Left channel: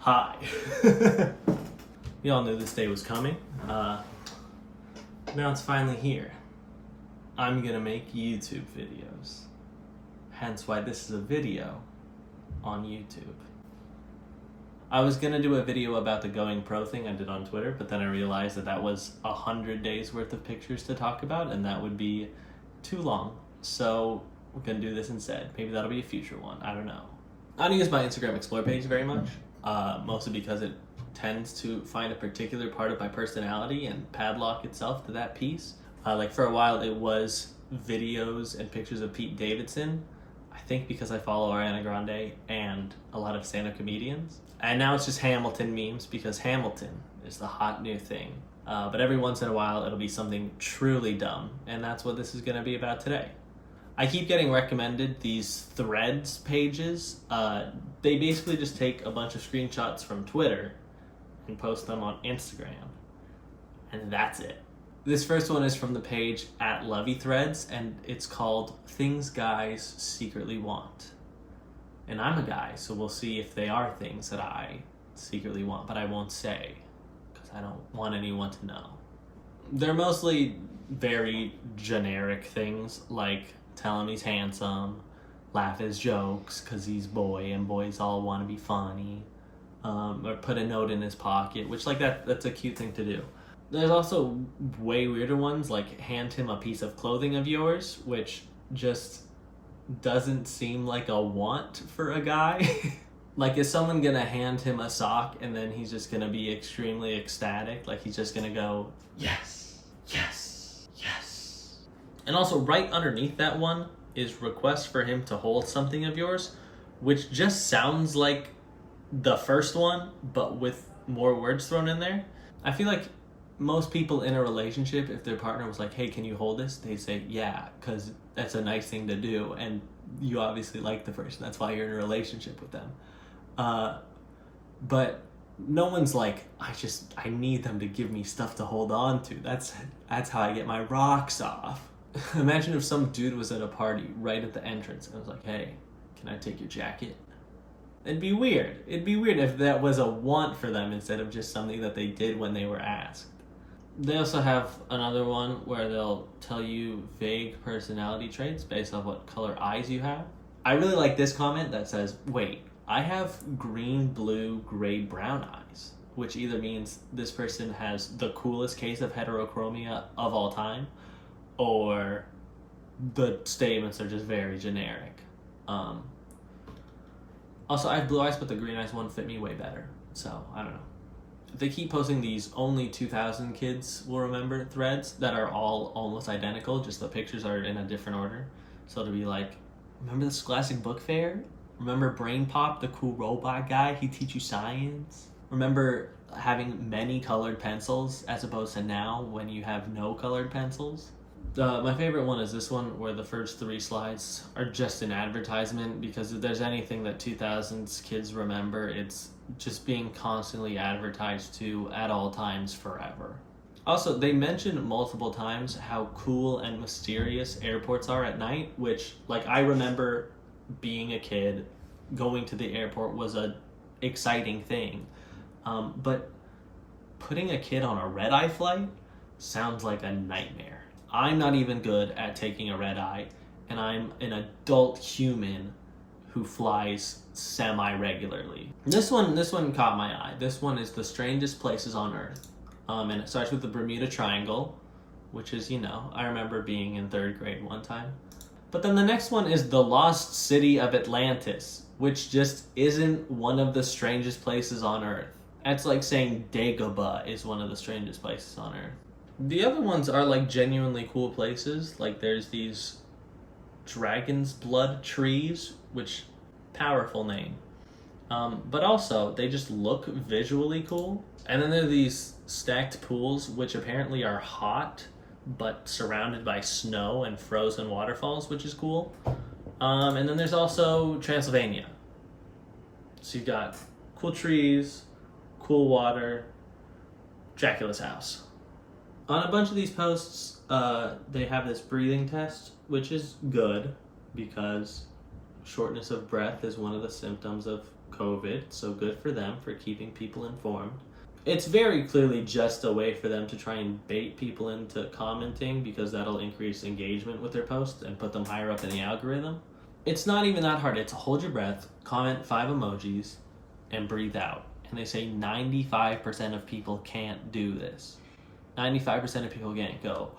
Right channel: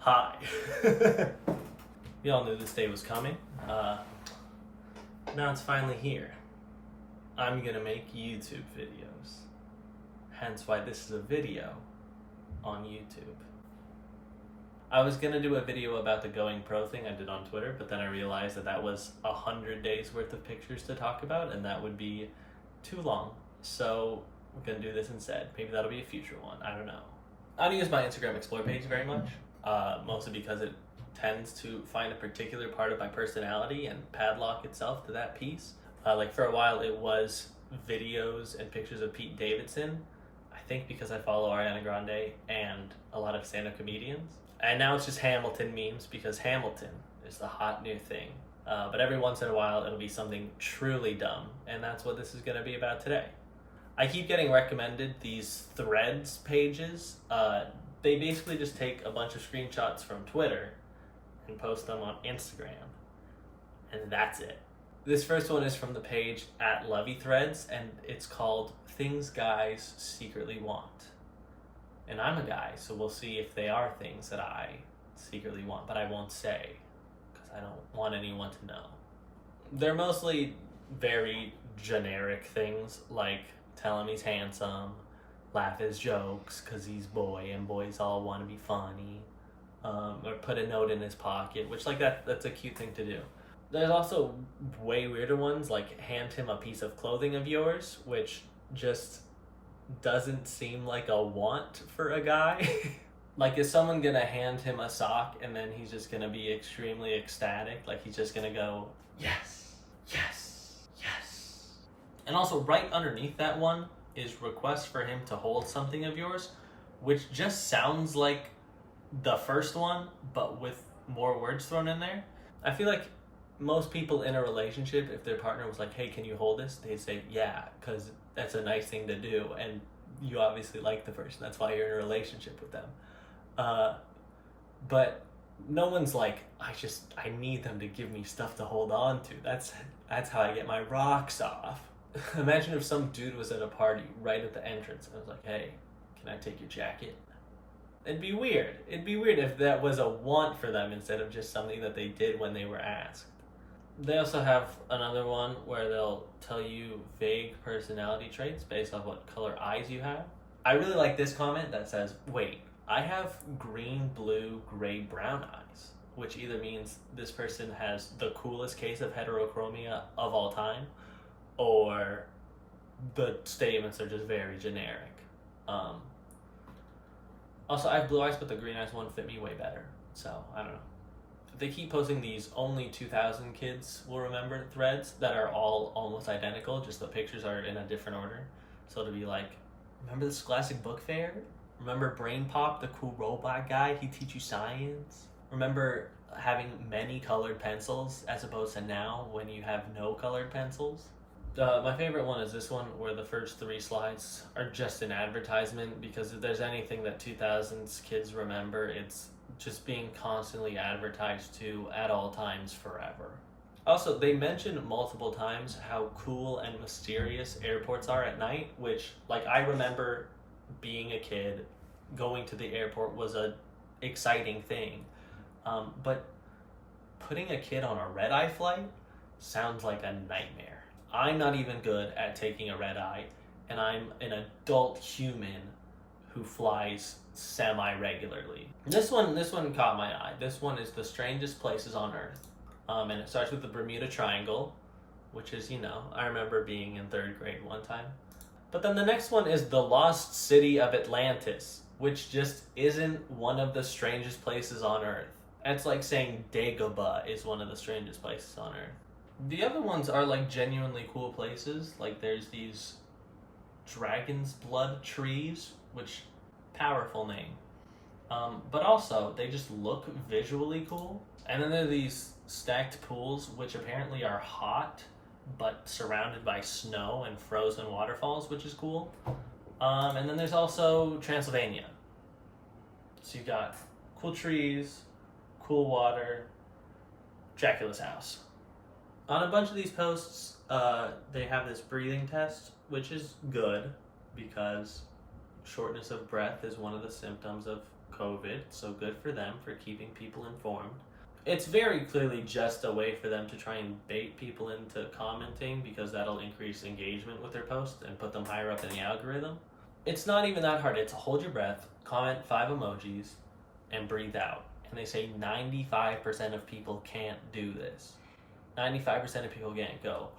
Hi. We all knew this day was coming. Now it's finally here. I'm gonna make YouTube videos. Hence why this is a video on YouTube. I was gonna do a video about the going pro thing I did on Twitter, but then I realized that was 100 days worth of pictures to talk about, and that would be too long. So we're gonna do this instead. Maybe that'll be a future one. I don't know. I don't use my Instagram Explore page very much, mostly because it tends to find a particular part of my personality and padlock itself to that piece. Like for a while, it was videos and pictures of Pete Davidson. I think because I follow Ariana Grande and a lot of stand-up comedians. And now it's just Hamilton memes because Hamilton is the hot new thing. But every once in a while, it'll be something truly dumb, and that's what this is going to be about today. I keep getting recommended these Threads pages. They basically just take a bunch of screenshots from Twitter and post them on Instagram, and that's it. This first one is from the page @LoveyThreads, and it's called Things Guys Secretly Want. And I'm a guy, so we'll see if they are things that I secretly want, but I won't say, because I don't want anyone to know. They're mostly very generic things, like tell him he's handsome, laugh his jokes because he's boy and boys all want to be funny, or put a note in his pocket, which like that's a cute thing to do. There's also way weirder ones, like hand him a piece of clothing of yours, which just doesn't seem like a want for a guy. Like, is someone gonna hand him a sock and then he's just gonna be extremely ecstatic? Like, he's just gonna go, yes, yes, yes. And also right underneath that one is request for him to hold something of yours, which just sounds like the first one, but with more words thrown in there. I feel like most people in a relationship, if their partner was like, hey, can you hold this? They'd say, yeah, because that's a nice thing to do. And you obviously like the person. That's why you're in a relationship with them. But no one's like, I need them to give me stuff to hold on to. That's how I get my rocks off. Imagine if some dude was at a party right at the entrance and was like, hey, can I take your jacket? It'd be weird. It'd be weird if that was a want for them instead of just something that they did when they were asked. They also have another one where they'll tell you vague personality traits based off what color eyes you have. I really like this comment that says, wait, I have green, blue, gray, brown eyes, which either means this person has the coolest case of heterochromia of all time, or the statements are just very generic. Also, I have blue eyes, but the green eyes one fit me way better, so I don't know. They keep posting these only 2000 kids will remember threads that are all almost identical, just the pictures are in a different order. So to be like, remember the Scholastic Book Fair? Remember Brain Pop, the cool robot guy? He'd teach you science? Remember having many colored pencils as opposed to now when you have no colored pencils? My favorite one is this one where the first 3 slides are just an advertisement, because if there's anything that 2000s kids remember, it's just being constantly advertised to at all times forever. Also, they mention multiple times how cool and mysterious airports are at night, which, like, I remember being a kid, going to the airport was a exciting thing. But putting a kid on a red-eye flight sounds like a nightmare. I'm not even good at taking a red-eye, and I'm an adult human who flies semi-regularly. This one caught my eye. This one is the strangest places on Earth. And it starts with the Bermuda Triangle, which is, I remember being in 3rd grade one time. But then the next one is the lost city of Atlantis, which just isn't one of the strangest places on Earth. That's like saying Dagobah is one of the strangest places on Earth. The other ones are like genuinely cool places. Like there's these dragon's blood trees, which powerful name. But also they just look visually cool. And then there are these stacked pools, which apparently are hot, but surrounded by snow and frozen waterfalls, which is cool. And then there's also Transylvania. So you've got cool trees, cool water, Dracula's house. On a bunch of these posts, they have this breathing test, which is good because shortness of breath is one of the symptoms of COVID, so good for them for keeping people informed. It's very clearly just a way for them to try and bait people into commenting because that'll increase engagement with their posts and put them higher up in the algorithm. It's not even that hard. It's hold your breath, comment 5 emojis, and breathe out. And they say 95% of people can't do this. 95% of people can't go.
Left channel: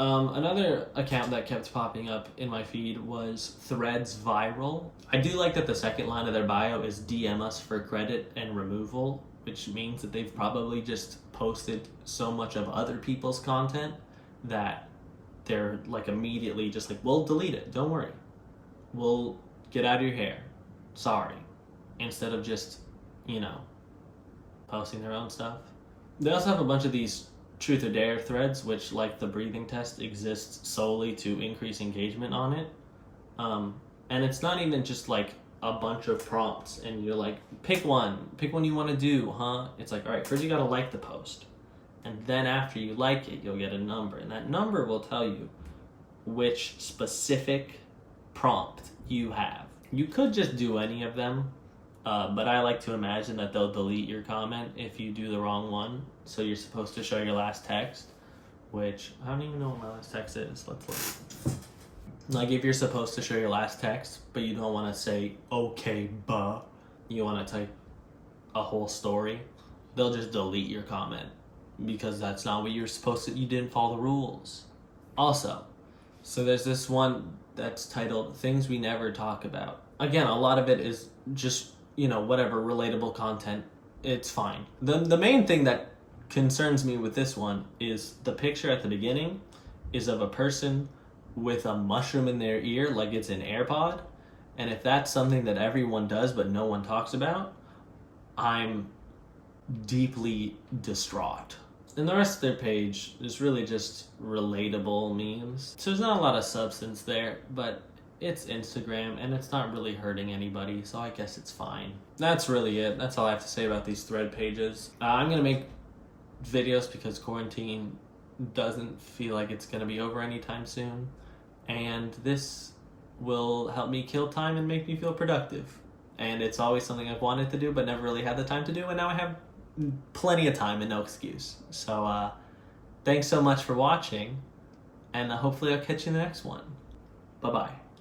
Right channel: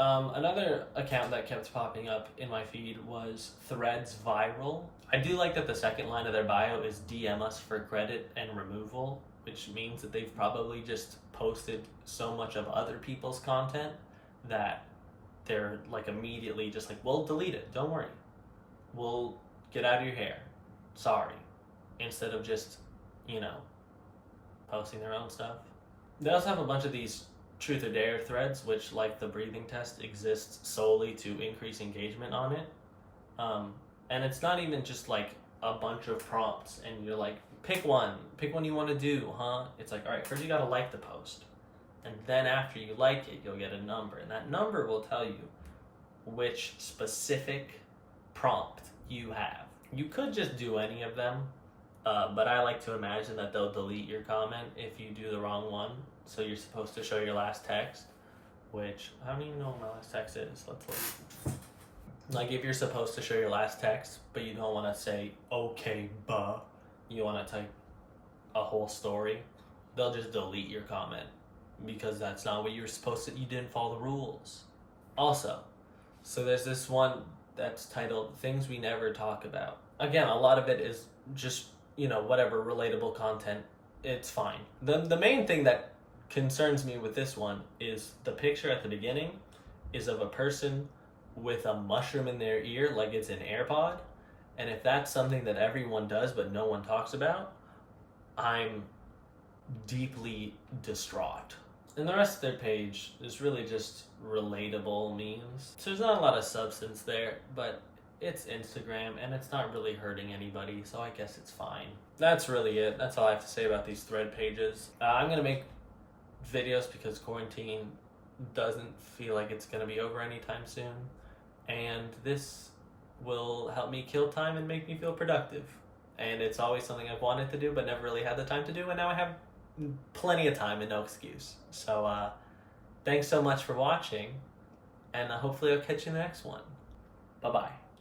Another account that kept popping up in my feed was Threads Viral. I do like that the second line of their bio is DM us for credit and removal, which means that they've probably just posted so much of other people's content that they're like immediately just like, we'll delete it, don't worry. We'll get out of your hair. Sorry. Instead of just, posting their own stuff. They also have a bunch of these truth or dare threads, which, like the breathing test, exists solely to increase engagement on it. And it's not even just like a bunch of prompts and you're like, pick one you want to do, huh? It's like, all right, first you got to like the post. And then after you like it, you'll get a number. And that number will tell you which specific prompt you have. You could just do any of them, but I like to imagine that they'll delete your comment if you do the wrong one. So you're supposed to show your last text, which I don't even know what my last text is. Let's look. Like if you're supposed to show your last text, but you don't want to say, okay, buh, you want to type a whole story, they'll just delete your comment because that's not what you're supposed to, you didn't follow the rules. Also, so there's this one that's titled Things We Never Talk About. Again, a lot of it is just, whatever, relatable content. It's fine. The main thing that concerns me with this one is the picture at the beginning is of a person with a mushroom in their ear like it's an AirPod. And if that's something that everyone does but no one talks about, I'm deeply distraught. And the rest of their page is really just relatable memes. So there's not a lot of substance there, but it's Instagram and it's not really hurting anybody, so I guess it's fine. That's really it. That's all I have to say about these thread pages. I'm gonna make videos because quarantine doesn't feel like it's gonna be over anytime soon, and this will help me kill time and make me feel productive. And it's always something I've wanted to do but never really had the time to do, and now I have plenty of time and no excuse. So thanks so much for watching, and hopefully I'll catch you in the next one. Bye-bye.